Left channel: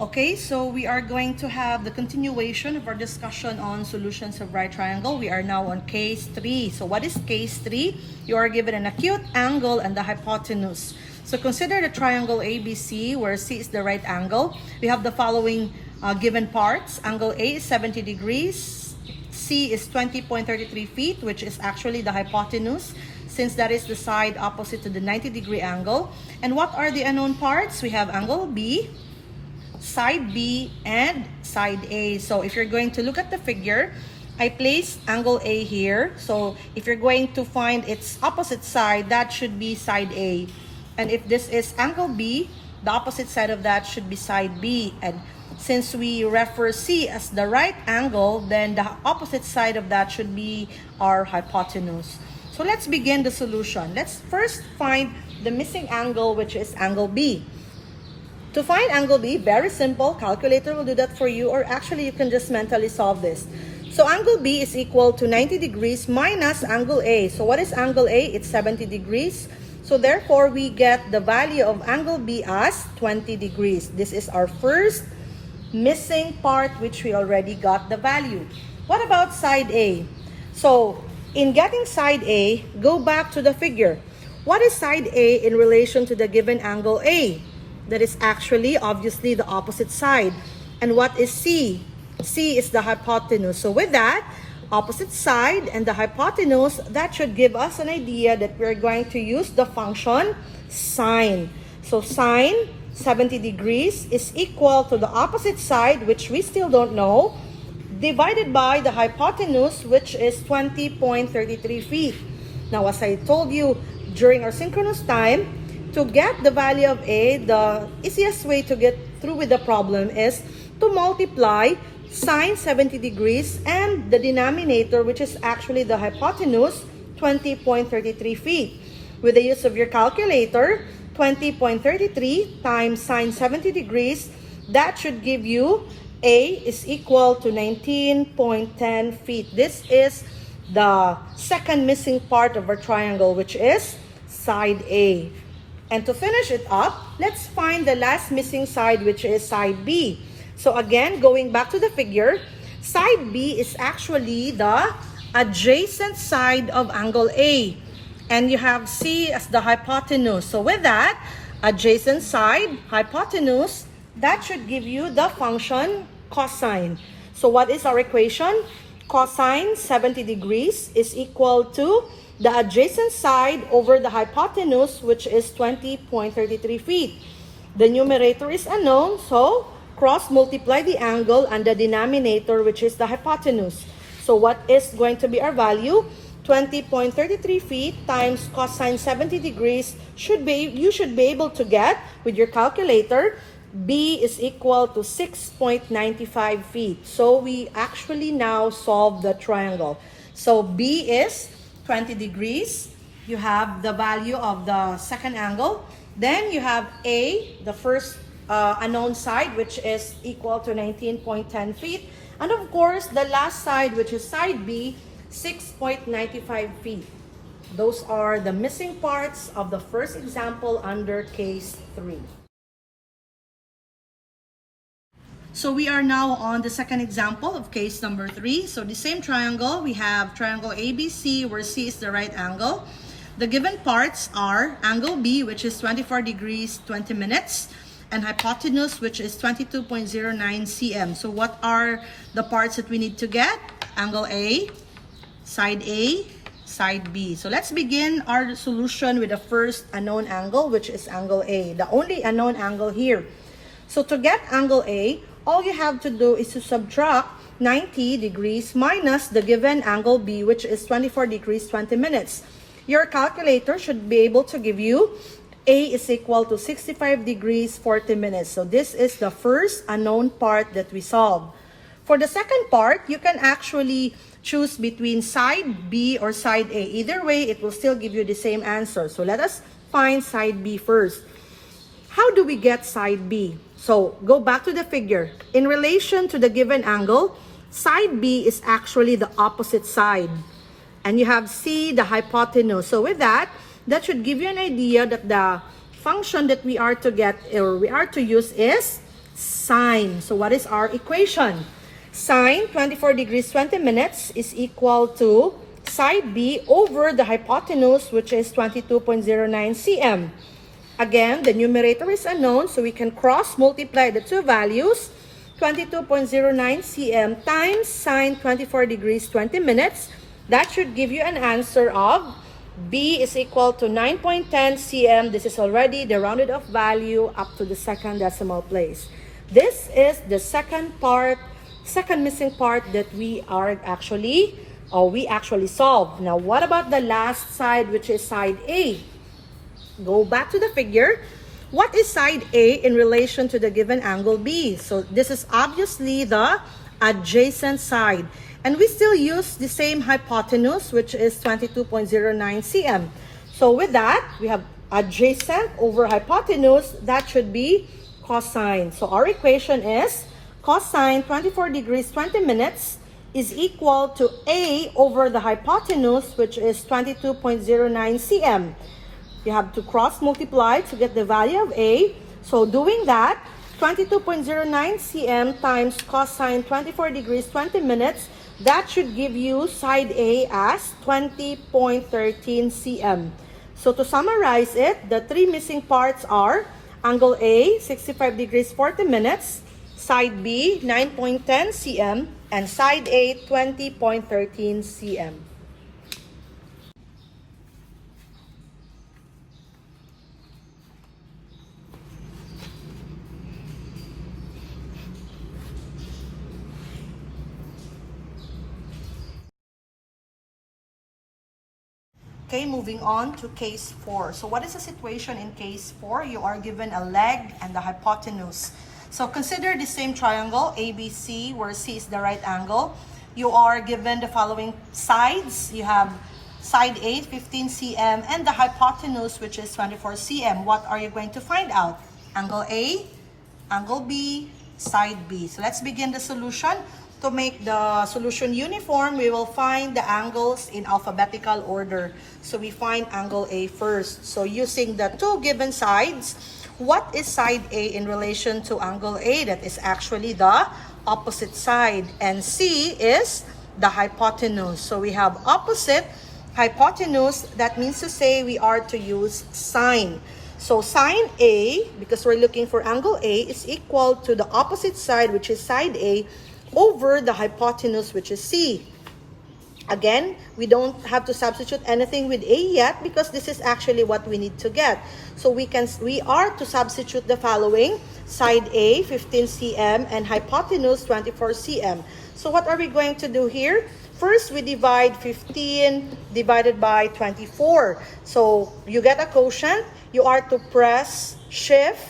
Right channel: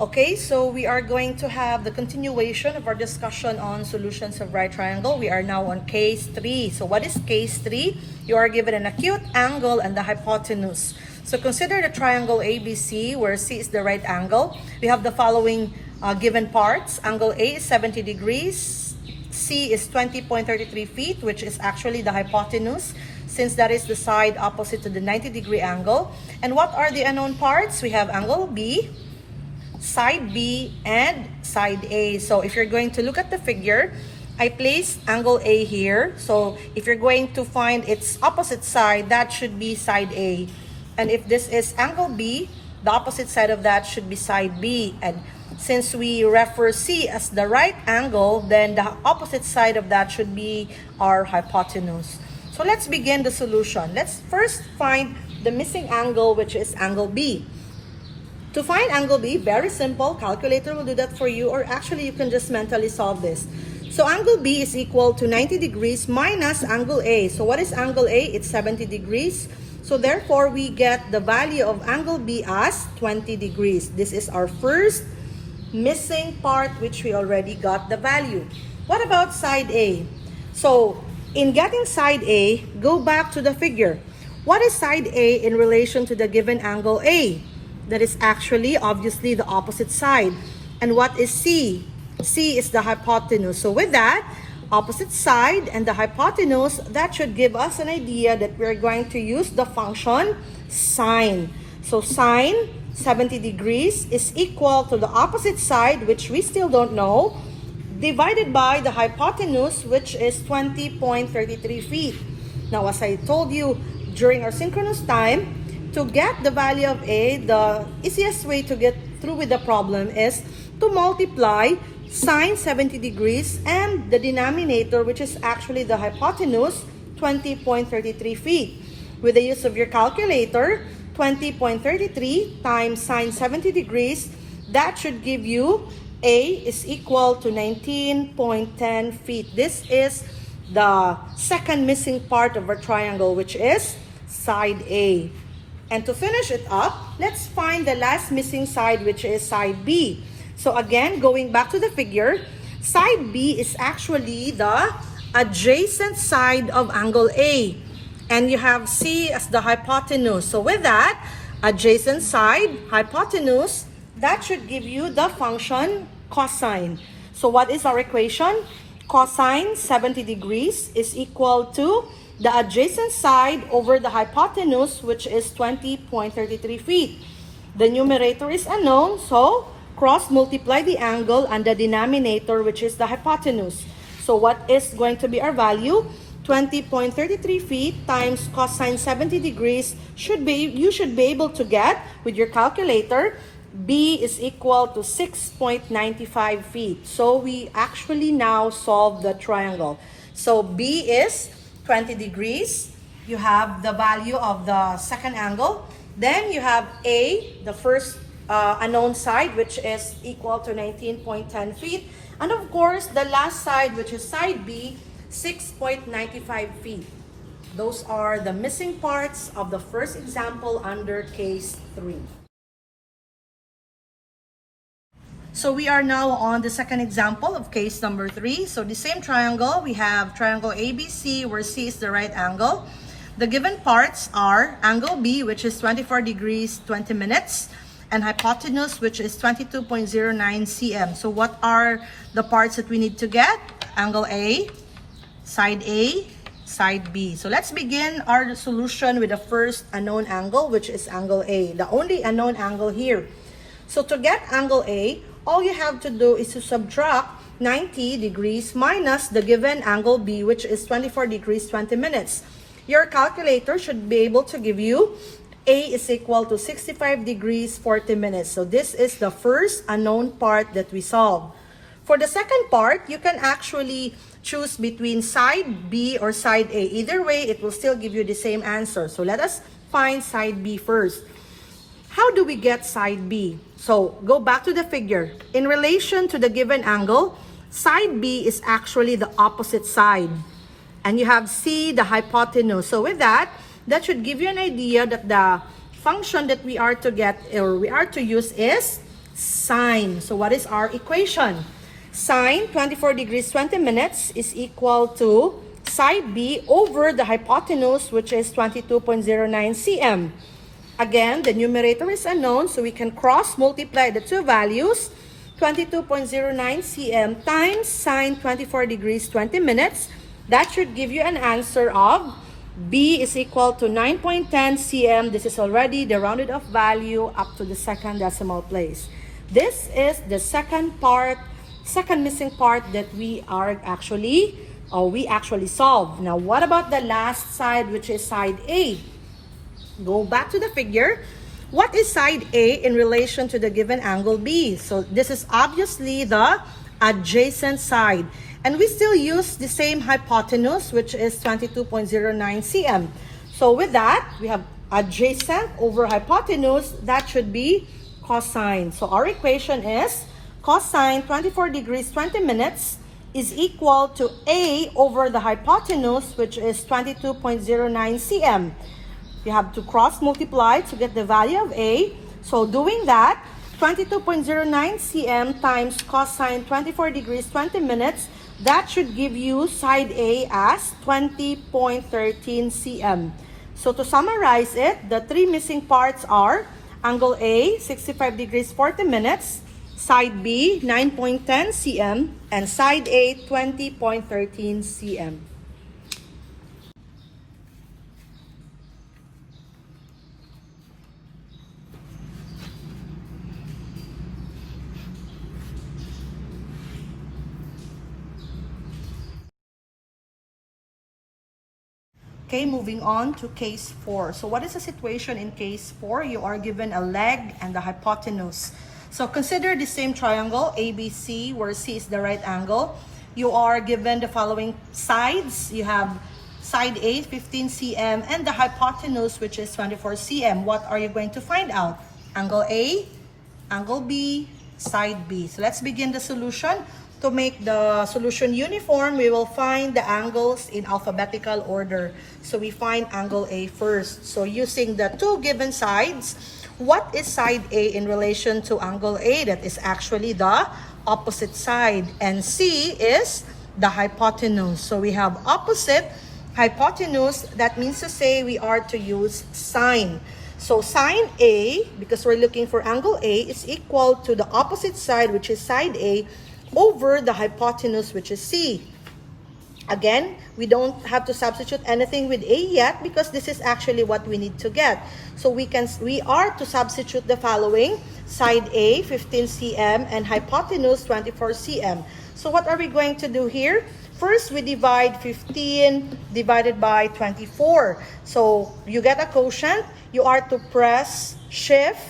Okay, so we are going to have the continuation of our discussion on solutions of right triangle. We are now on case 3. So what is case 3? You are given an acute angle and the hypotenuse. So consider the triangle ABC where C is the right angle. We have the following given parts. Angle A is 70 degrees. C is 20.33 feet, which is actually the hypotenuse, since that is the side opposite to the 90-degree angle. And what are the unknown parts? We have angle B, side B, and side A. So if you're going to look at the figure, I placed angle A here. So if you're going to find its opposite side, that should be side A. And if this is angle B, the opposite side of that should be side B. And since we refer C as the right angle, then the opposite side of that should be our hypotenuse. So let's begin the solution. Let's first find the missing angle, which is angle B. To find angle B, very simple. Calculator will do that for you, or actually you can just mentally solve this. So angle B is equal to 90 degrees minus angle A. So what is angle A? It's 70 degrees. So therefore, we get the value of angle B as 20 degrees. This is our first missing part, which we already got the value. What about side A? So in getting side A, go back to the figure. What is side A in relation to the given angle A? That is actually, obviously, the opposite side. And what is C? C is the hypotenuse. So with that, opposite side and the hypotenuse, that should give us an idea that we're going to use the function sine. So sine 70 degrees is equal to the opposite side, which we still don't know, divided by the hypotenuse, which is 20.33 feet. Now, as I told you during our synchronous time, to get the value of A, the easiest way to get through with the problem is to multiply sine 70 degrees and the denominator, which is actually the hypotenuse, 20.33 feet. With the use of your calculator, 20.33 times sine 70 degrees, that should give you A is equal to 19.10 feet. This is the second missing part of our triangle, which is side A. And to finish it up, let's find the last missing side, which is side B. So again, going back to the figure, side B is actually the adjacent side of angle A. And you have C as the hypotenuse. So with that, adjacent side, hypotenuse, that should give you the function cosine. So what is our equation? Cosine 70 degrees is equal to the adjacent side over the hypotenuse, which is 20.33 feet. The numerator is unknown, so cross multiply the angle and the denominator, which is the hypotenuse. So what is going to be our value? 20.33 feet times cosine 70 degrees you should be able to get with your calculator. B is equal to 6.95 feet. So we actually now solve the triangle. So B is 20 degrees. You have the value of the second angle. Then you have A, the first unknown side, which is equal to 19.10 feet. And of course, the last side, which is side B, 6.95 feet. Those are the missing parts of the first example under case 3. So we are now on the second example of case number 3. So the same triangle, we have triangle ABC where C is the right angle. The given parts are angle B, which is 24 degrees 20 minutes, and hypotenuse, which is 22.09 cm. So what are the parts that we need to get? Angle A, side B. So let's begin our solution with the first unknown angle, which is angle A, the only unknown angle here. So to get angle A, all you have to do is to subtract 90 degrees minus the given angle B, which is 24 degrees 20 minutes. Your calculator should be able to give you A is equal to 65 degrees 40 minutes. So this is the first unknown part that we solved. For the second part, you can actually choose between side B or side A. Either way, it will still give you the same answer. So let us find side B first. How do we get side B? So go back to the figure. In relation to the given angle, side B is actually the opposite side. And you have C, the hypotenuse. So with that, that should give you an idea that the function that we are to get or we are to use is sine. So what is our equation? Sine 24 degrees 20 minutes is equal to side B over the hypotenuse, which is 22.09 cm. Again, the numerator is unknown, so we can cross multiply the two values. 22.09 cm times sine 24 degrees 20 minutes. That should give you an answer of B is equal to 9.10 cm. This is already the rounded off value up to the second decimal place. This is the second missing part that we actually solved. Now, what about the last side, which is side A? Go back to the figure. What is side A in relation to the given angle B? So this is obviously the adjacent side. And we still use the same hypotenuse, which is 22.09 cm. So with that, we have adjacent over hypotenuse. That should be cosine. So our equation is cosine 24 degrees 20 minutes is equal to A over the hypotenuse, which is 22.09 cm. You have to cross multiply to get the value of A. So doing that, 22.09 cm times cosine 24 degrees 20 minutes, that should give you side A as 20.13 cm. So to summarize it, the three missing parts are angle A, 65 degrees 40 minutes, side B, 9.10 cm, and side A, 20.13 cm. Okay, moving on to case 4. So what is the situation in case 4? You are given a leg and the hypotenuse. So consider the same triangle, ABC, where C is the right angle. You are given the following sides. You have side A, 15 cm, and the hypotenuse, which is 24 cm. What are you going to find out? Angle A, angle B, side B. So let's begin the solution. To make the solution uniform, we will find the angles in alphabetical order. So we find angle A first. So using the two given sides, what is side A in relation to angle A? That is actually the opposite side. And C is the hypotenuse. So we have opposite hypotenuse. That means to say we are to use sine. So sine A, because we're looking for angle A, is equal to the opposite side, which is side A, over the hypotenuse, which is C. Again, we don't have to substitute anything with A yet because this is actually what we need to get. So we are to substitute the following: side A, 15 cm, and hypotenuse, 24 cm. So what are we going to do here? First, we divide 15 divided by 24. So you get a quotient. You are to press shift,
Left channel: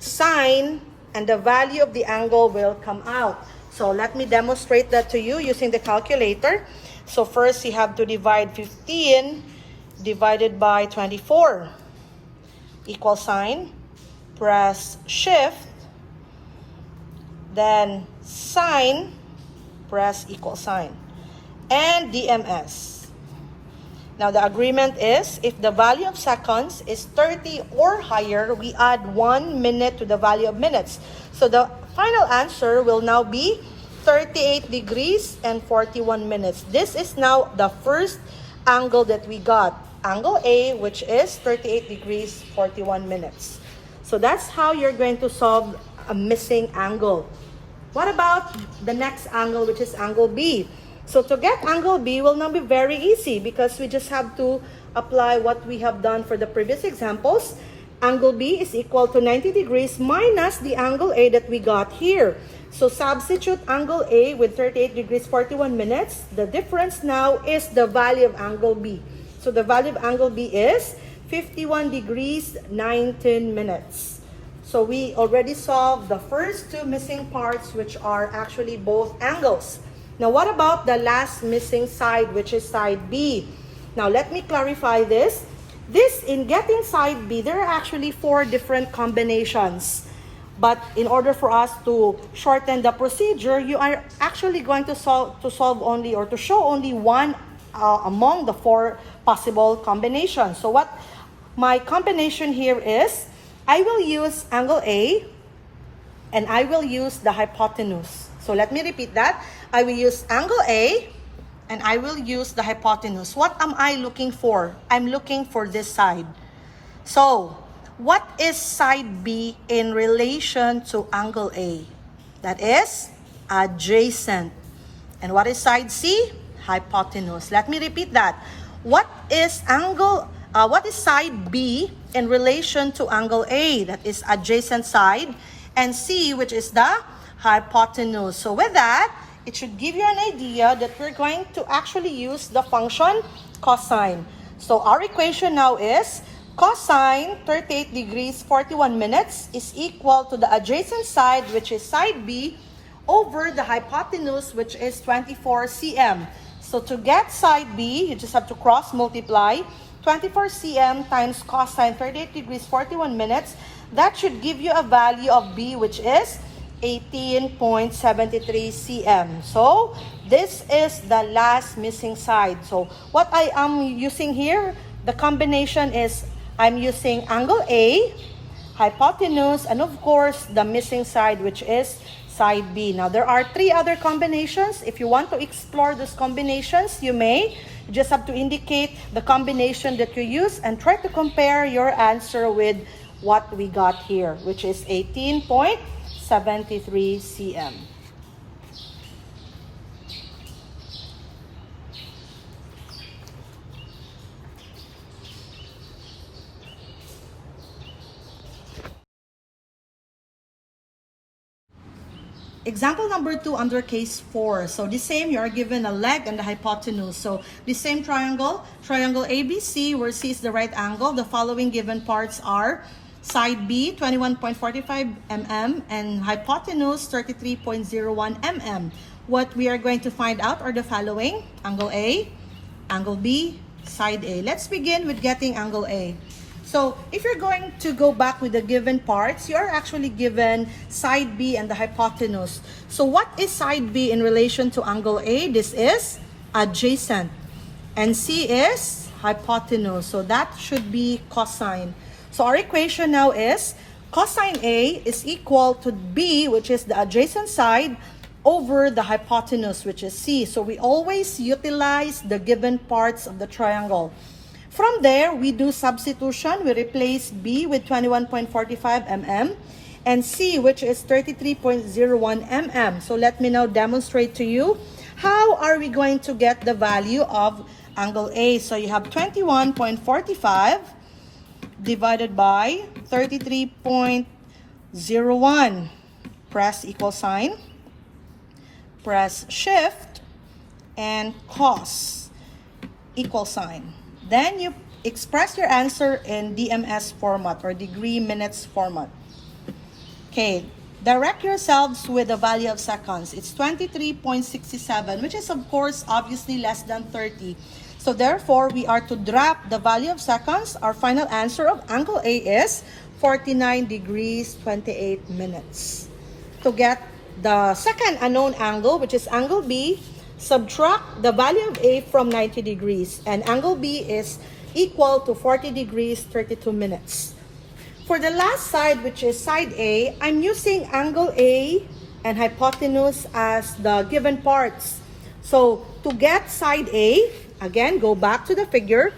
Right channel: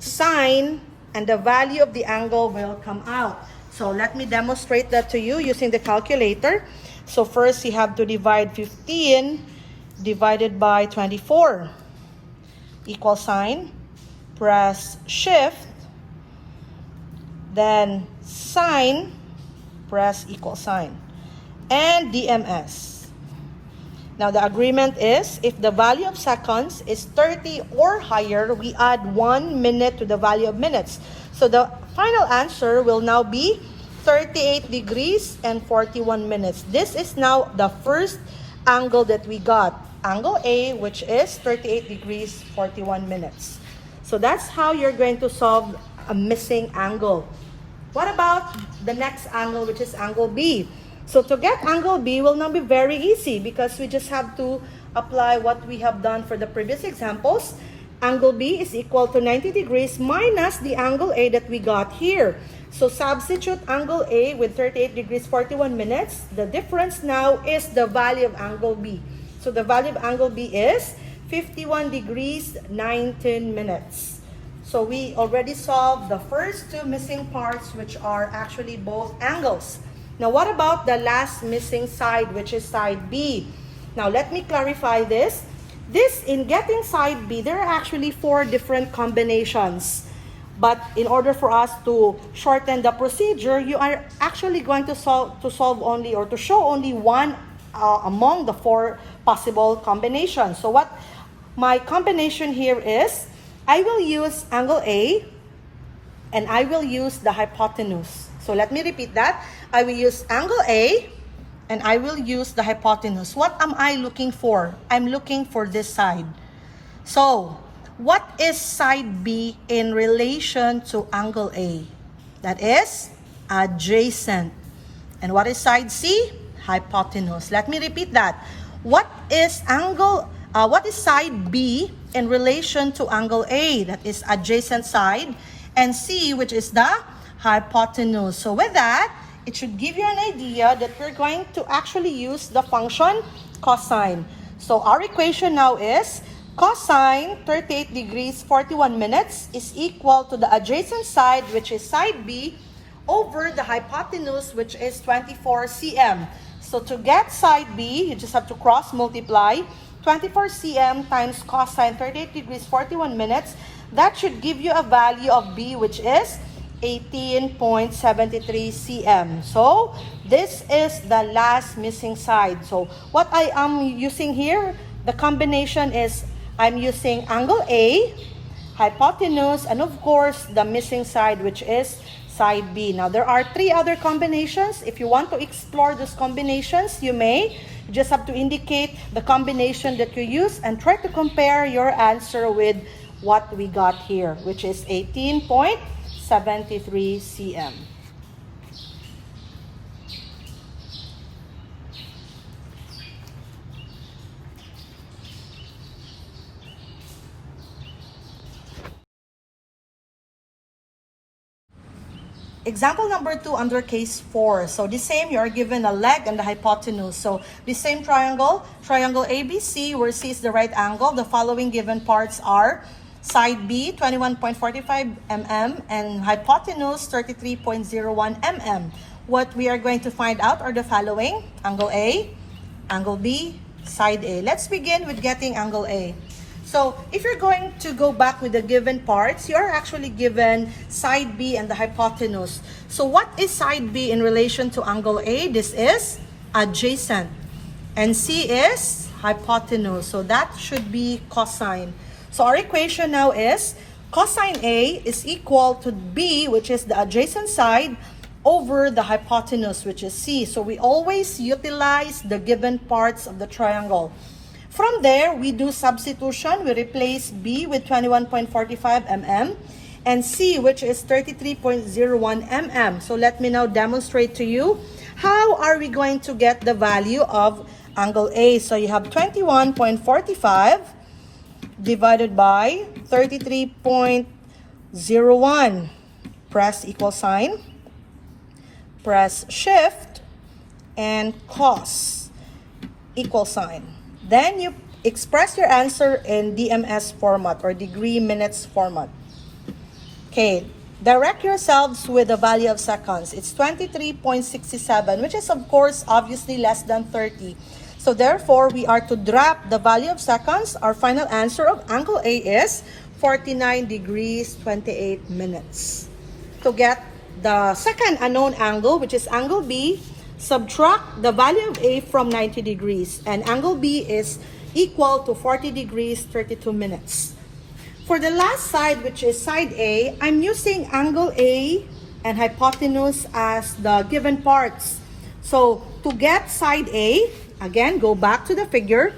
sign, and the value of the angle will come out. So let me demonstrate that to you using the calculator. So first you have to divide 15 divided by 24. Equal sign, press shift, then sign, press equal sign, and DMS. Now the agreement is, if the value of seconds is 30 or higher, we add 1 minute to the value of minutes. So the final answer will now be 38 degrees and 41 minutes. This is now the first angle that we got. Angle A, which is 38 degrees, 41 minutes. So that's how you're going to solve a missing angle. What about the next angle, which is angle B? So to get angle B will now be very easy because we just have to apply what we have done for the previous examples. Angle B is equal to 90 degrees minus the angle A that we got here. So substitute angle A with 38 degrees 41 minutes. The difference now is the value of angle B. So the value of angle B is 51 degrees 19 minutes. So we already solved the first two missing parts, which are actually both angles. Now, what about the last missing side, which is side B? Now, let me clarify this. In getting side B, there are actually 4 different combinations. But in order for us to shorten the procedure, you are actually going to solve only, or to show only one among the 4 possible combinations. So what my combination here is, I will use angle A and I will use the hypotenuse. So let me repeat that. I will use angle A, and I will use the hypotenuse. What am I looking for? I'm looking for this side. So, what is side B in relation to angle A? That is adjacent. And what is side C? Hypotenuse. Let me repeat that. What is side B in relation to angle A? That is adjacent side. And C, which is the hypotenuse. So with that, it should give you an idea that we're going to actually use the function cosine. So our equation now is cosine 38 degrees 41 minutes is equal to the adjacent side, which is side B, over the hypotenuse, which is 24 cm. So to get side B, you just have to cross multiply 24 cm times cosine 38 degrees 41 minutes. That should give you a value of B, which is 18.73 cm. So this is the last missing side. So what I am using here, the combination is I'm using angle A, hypotenuse, and of course the missing side, which is side B. Now there are 3 other combinations. If you want to explore those combinations, you may. You just have to indicate the combination that you use and try to compare your answer with what we got here, which is 18.73 cm. Example number 2 under case 4. So the same, you are given a leg and the hypotenuse. So the same triangle ABC, where C is the right angle. The following given parts are side B, 21.45 mm, and hypotenuse, 33.01 mm. What we are going to find out are the following: angle A, angle B, side A. Let's begin with getting angle A. So if you're going to go back with the given parts, you are actually given side B and the hypotenuse. So what is side B in relation to angle A? This is adjacent. And C is hypotenuse. So that should be cosine. So our equation now is cosine A is equal to B, which is the adjacent side, over the hypotenuse, which is C. So we always utilize the given parts of the triangle. From there, we do substitution. We replace B with 21.45 mm and C, which is 33.01 mm. So let me now demonstrate to you how are we going to get the value of angle A. So you have 21.45 divided by 33.01. Press equal sign, press shift, and cos equal sign. Then you express your answer in DMS format or degree minutes format. Okay, direct yourselves with the value of seconds. It's 23.67, which is of course obviously less than 30. So therefore, we are to drop the value of seconds. Our final answer of angle A is 49 degrees 28 minutes. To get the second unknown angle, which is angle B, subtract the value of A from 90 degrees, and angle B is equal to 40 degrees 32 minutes. For the last side, which is side A, I'm using angle A and hypotenuse as the given parts. So to get side A, again, go back to the figure.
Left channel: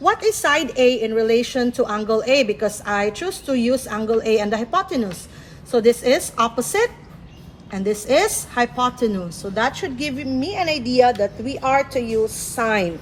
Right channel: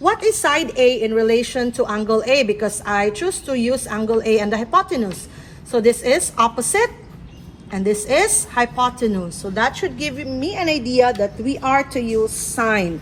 What is side A in relation to angle A? Because I choose to use angle A and the hypotenuse. So this is opposite, and this is hypotenuse. So that should give me an idea that we are to use sine.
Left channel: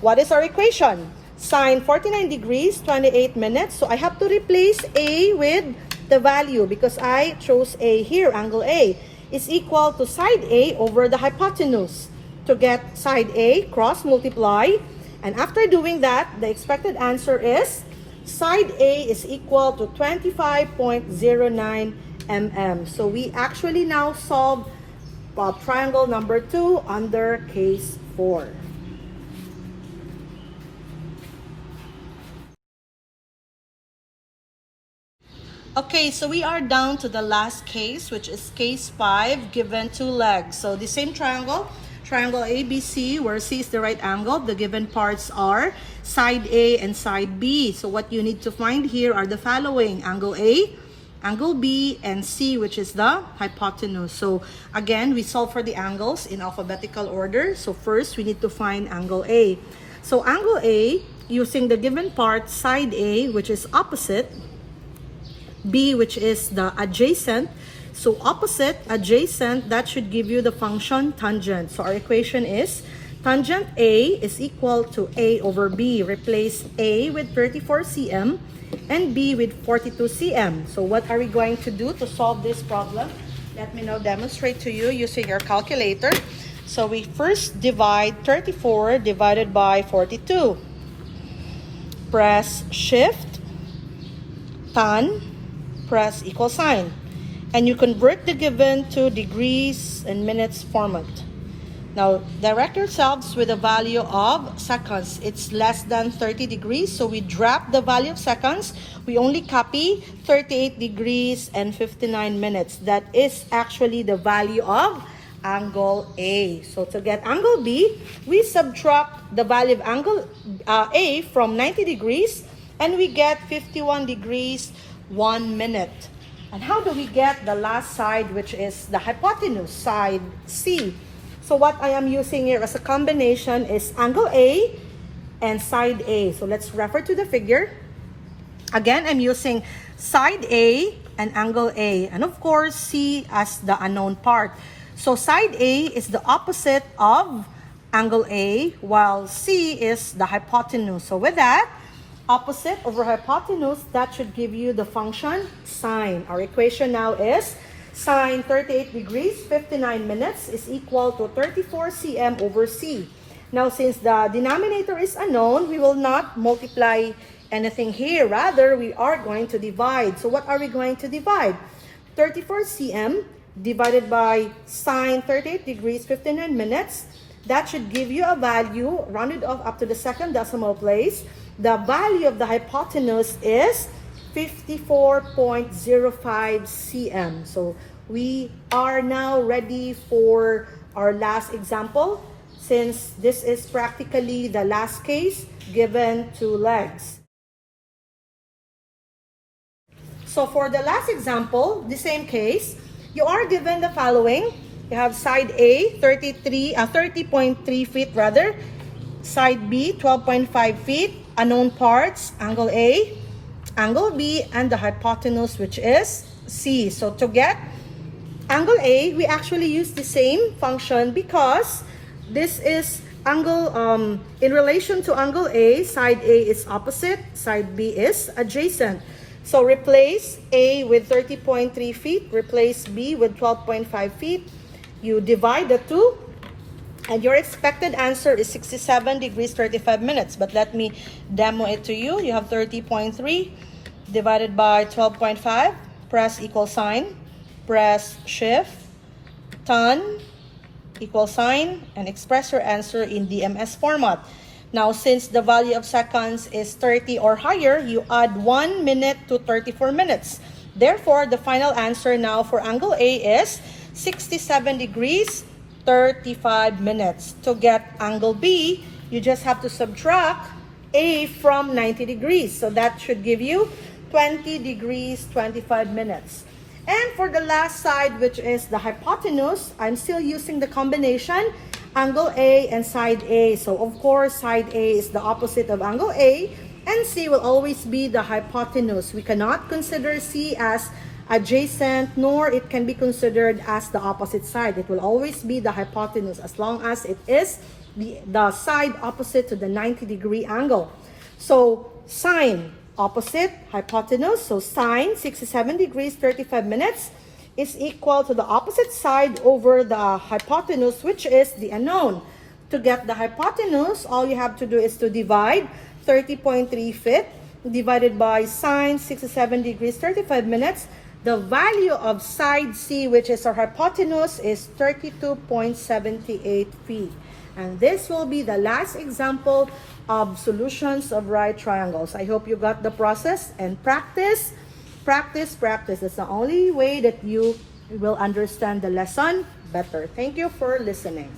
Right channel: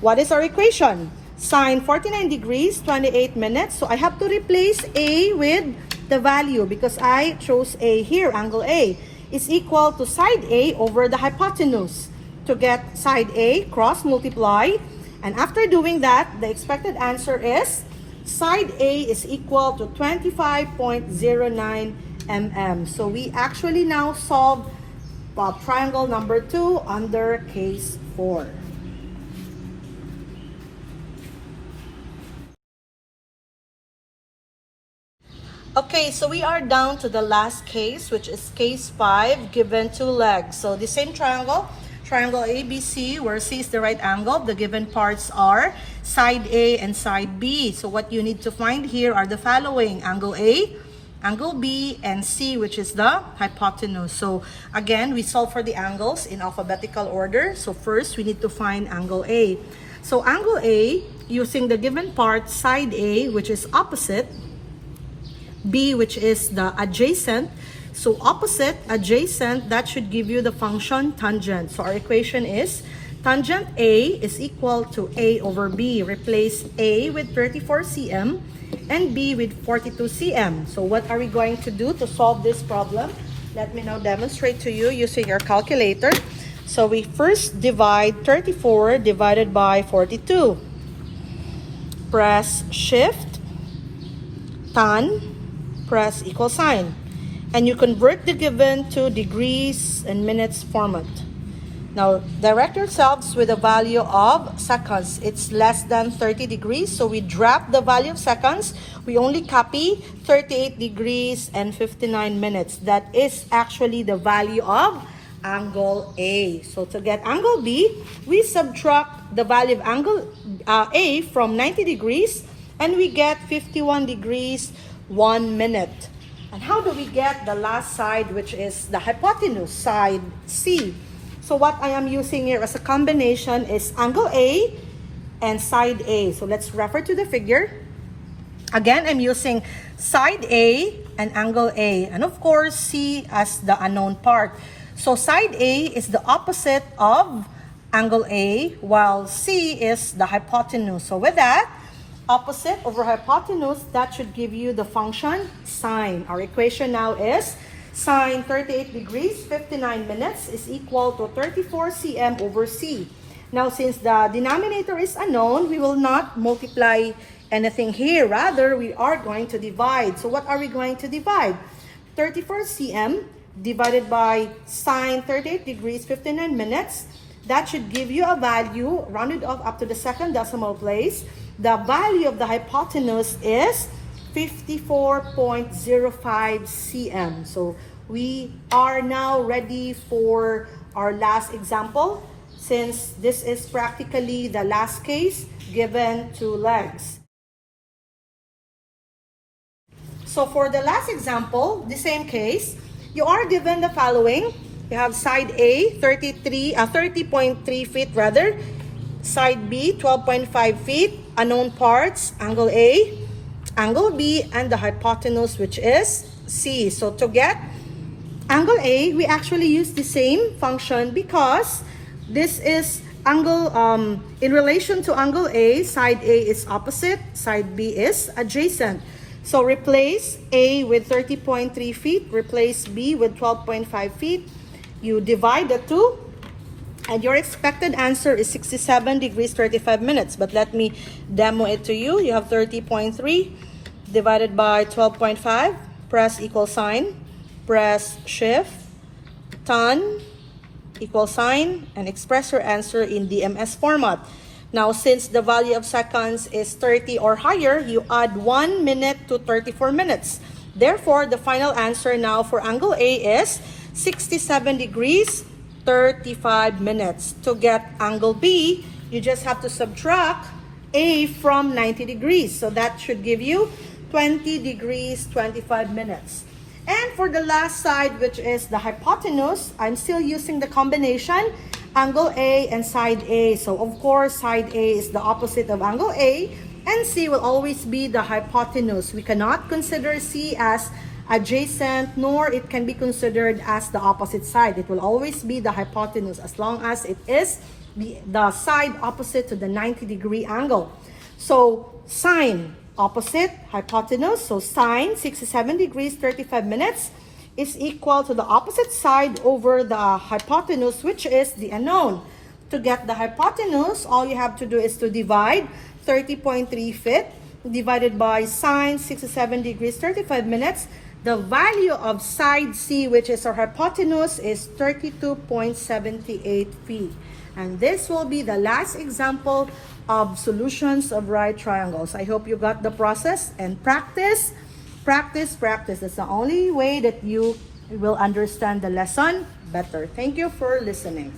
What is our equation? Sine 49 degrees, 28 minutes. So I have to replace A with the value because I chose A here. Angle A is equal to side A over the hypotenuse. To get side A, cross multiply. And after doing that, the expected answer is side A is equal to 25.09 mm. So we actually now solve triangle number 2 under case 4. Okay, so we are down to the last case, which is case 5, given 2 legs. So the same triangle ABC, where C is the right angle. The given parts are side A and side B. So what you need to find here are the following: angle A, angle B, and C, which is the hypotenuse. So again, we solve for the angles in alphabetical order. So first, we need to find angle A. So angle A, using the given part, side A, which is opposite, B, which is the adjacent. So opposite, adjacent, that should give you the function tangent. So our equation is tangent A is equal to A over B. Replace A with 34 cm and B with 42 cm. So what are we going to do to solve this problem? Let me now demonstrate to you using your calculator. So we first divide 34 divided by 42. Press shift, tan, press equal sign. And you convert the given to degrees and minutes format. Now, direct yourselves with a value of seconds. It's less than 30 degrees, so we drop the value of seconds. We only copy 38 degrees and 59 minutes. That is actually the value of angle A. So to get angle B, we subtract the value of angle A from 90 degrees, and we get 51 degrees, 1 minute. And how do we get the last side, which is the hypotenuse, side C? So what I am using here as a combination is angle A and side A. So let's refer to the figure. Again, I'm using side A and angle A. And of course, C as the unknown part. So side A is the opposite of angle A, while C is the hypotenuse. So with that, opposite over hypotenuse, that should give you the function sine. Our equation now is sine 38 degrees, 59 minutes is equal to 34 cm over C. Now, since the denominator is unknown, we will not multiply anything here. Rather, we are going to divide. So what are we going to divide? 34 cm divided by sine 38 degrees, 59 minutes. That should give you a value, rounded off up to the second decimal place. The value of the hypotenuse is 54.05 cm. So we are now ready for our last example, since this is practically the last case given 2 legs. So for the last example, the same case, you are given the following. You have side A, 30.3 feet rather. Side B, 12.5 feet. Unknown parts, angle A, angle B, and the hypotenuse, which is C. So to get angle A, we actually use the same function because this is angle, in relation to angle A, side A is opposite, side B is adjacent. So replace A with 30.3 feet, replace B with 12.5 feet. You divide the two, and your expected answer is 67 degrees 35 minutes. But let me demo it to you. You have 30.3 divided by 12.5. Press equal sign. Press shift, tan, equal sign, and express your answer in DMS format. Now, since the value of seconds is 30 or higher, you add 1 minute to 34 minutes. Therefore, the final answer now for angle A is 67 degrees 35 minutes. To get angle B, you just have to subtract A from 90 degrees. So that should give you 20 degrees 25 minutes. And for the last side, which is the hypotenuse, I'm still using the combination angle A and side A. So of course, side A is the opposite of angle A, and C will always be the hypotenuse. We cannot consider C as adjacent, nor it can be considered as the opposite side. It will always be the hypotenuse as long as it is the side opposite to the 90-degree angle. So sine, opposite, hypotenuse. So sine 67 degrees 35 minutes is equal to the opposite side over the hypotenuse, which is the unknown. To get the hypotenuse, all you have to do is to divide 30.3 feet divided by sine 67 degrees 35 minutes. The value of side C, which is our hypotenuse, is 32.78 feet. And this will be the last example of solutions of right triangles. I hope you got the process, and practice, practice, practice. It's the only way that you will understand the lesson better. Thank you for listening.